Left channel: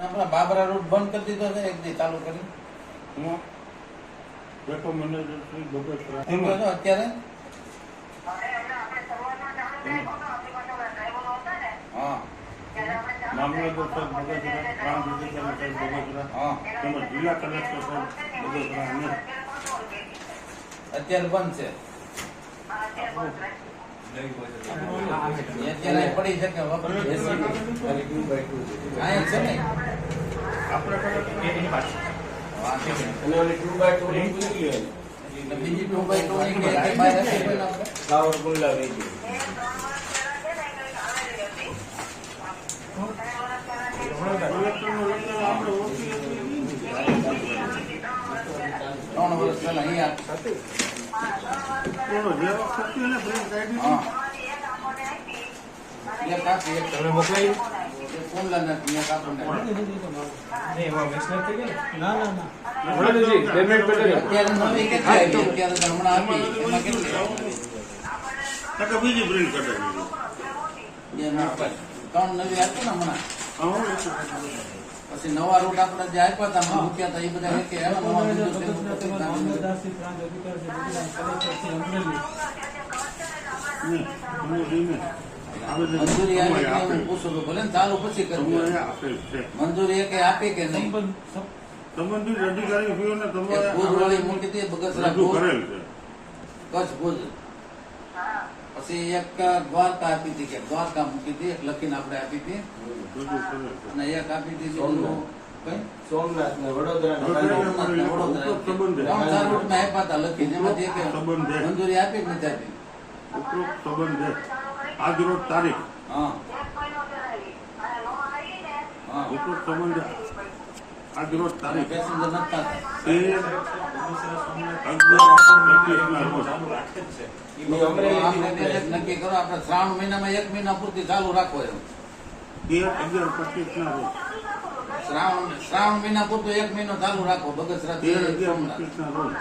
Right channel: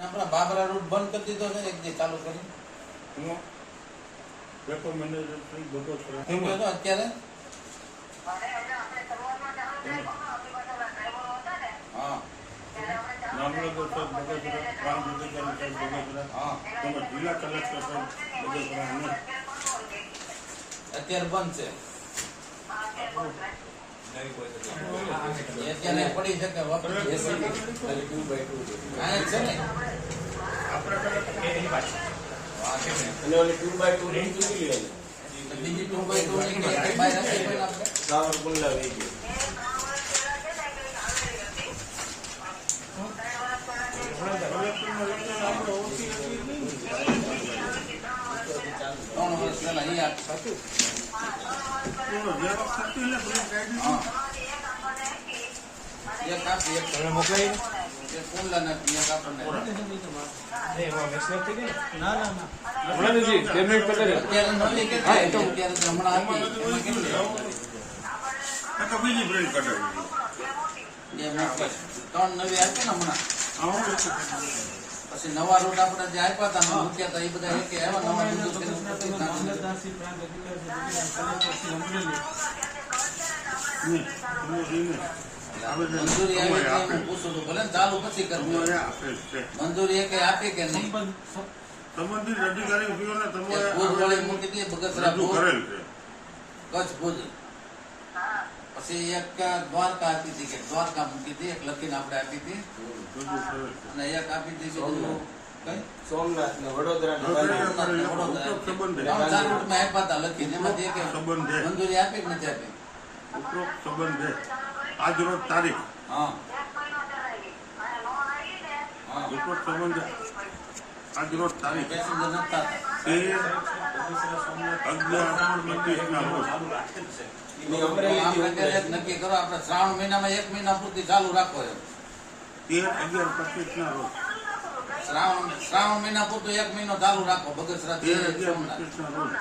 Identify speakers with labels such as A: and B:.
A: આપણા બાબરા રોડ બંધ કરી દીધો છે એક દી ચાલુ કરી.
B: ડેપો મેનેજર
A: એમ અત્યારે? હા.
B: મામલતદાર સાહેબ બગોચરા ગ્રામ સાહેબ બગોચરા
A: હા.
B: તેમજ જિલ્લા કલેક્ટર સાહેબ અને
A: અત્યારે બંધ છે. પડી છે કે વપરાય છે? અહીંયા જ છે ને
B: આપણે કલેક્ટર
A: હા, છે ને.
C: અને ઓલી two by two ની નીકળી હોય.
A: તો બીજી ટુ બાય ટુ
C: ગુલ્લા વહી ગઈ.
B: કલેક્ટરને લઈને આપણે ઓછી
A: ત્રણ વર્ષ પહેલા અહીંયા આપી.
B: થોડો જે વખત હતી ને બ્રેક કાઢી
A: હા એક આપી એક તમે મોકલાવી એક કોમલા નથી એક આપણને અત્યારે નવી કેટલી આવી? અત્યારે તો હમણાં આપી એમાં કેટલી
B: તો કે બીજી બ્રેક કઢાવી.
A: ત્રણ નવી આપી ને હમણાં પછી નવા રૂટ આપણે જે આપ્યા હતા મૂક્યા હતા એ બધા એક આવ્યા નવા મંજૂરી આવી કે હું પૂછું તો ભલે ને ચાલુ પછી
B: કરું
A: મંજૂરી એક આપી કે નહીં?
B: સંબંધિત અધિકારીઓને તમે
A: ભુજ વાળી મૂકી બગસરા કચ્છ ભુજ. પછી એક દ્વારકા આપી હતી કે દ્વારકા મૂકી હતી એક લખીને આપણે આપી હતી. અને એક આપી હતી કઈ?
C: સોમનાથ ને વડોદરા
A: સોમનાથ ને વડોદરા. ત્રણ ચાર રૂટમાં આપ્યા હતા લખીને. એમાંથી એક મંજૂરી આપી કે નથી આપી?
B: ઉપરોક્ત સંબંધે આજરોજ તારીખ.
A: હા. હા
B: ઉપરોક્ત સંબંધે તારીખ. તેર અગિયાર રોજ
A: નક્કી કરો. આપણે શ્રાવણ મહિનામાં એક મહિના પૂરતી ચાલુ રાખો એમ.
B: તેર અગિયાર પચીસના રોજ.
A: શ્રાવણ શ્રાવણ મહિના પૂરતું એક મહિનો ચાલુ રાખો. બગસરા
B: તેર અગિયાર પચીસના રોજ.